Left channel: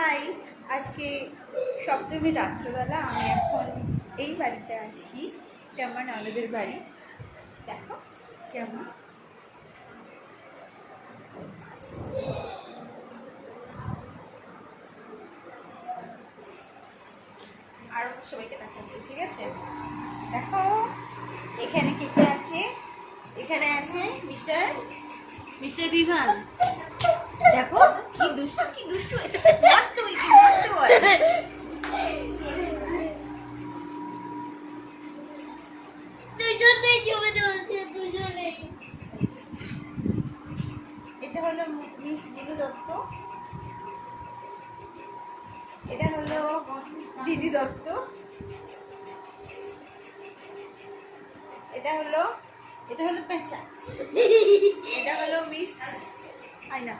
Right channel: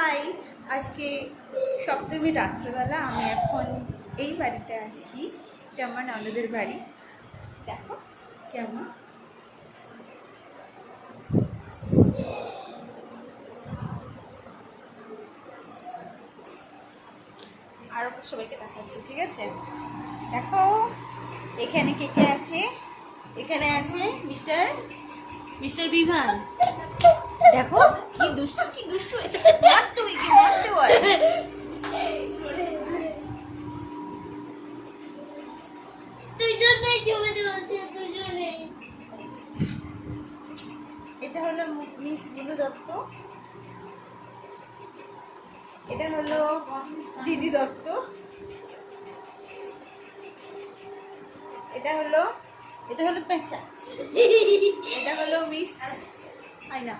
High, আজকে সপ্তমী রাত্রেবেলা আমি এখন এই বাড়িতে আছি। এটা আমার ননদের বাড়ি। দেখো কেমন। আরো সবাইকে দেখাচ্ছি, ঠিক আছে? দেখো এখানে কে কে আছে। এখানে আছে মিস্টার মিস্টার বিভান। দেখো কি দুষ্টু কি দুষ্টু, এটা মারতে হয় কি মারতে হয়। এটা হলো মিস বুলু দত্ত, এটা হলো দিদি দত্ত, এটা হলো পেঁচা, এটা হলো মিস আয়না।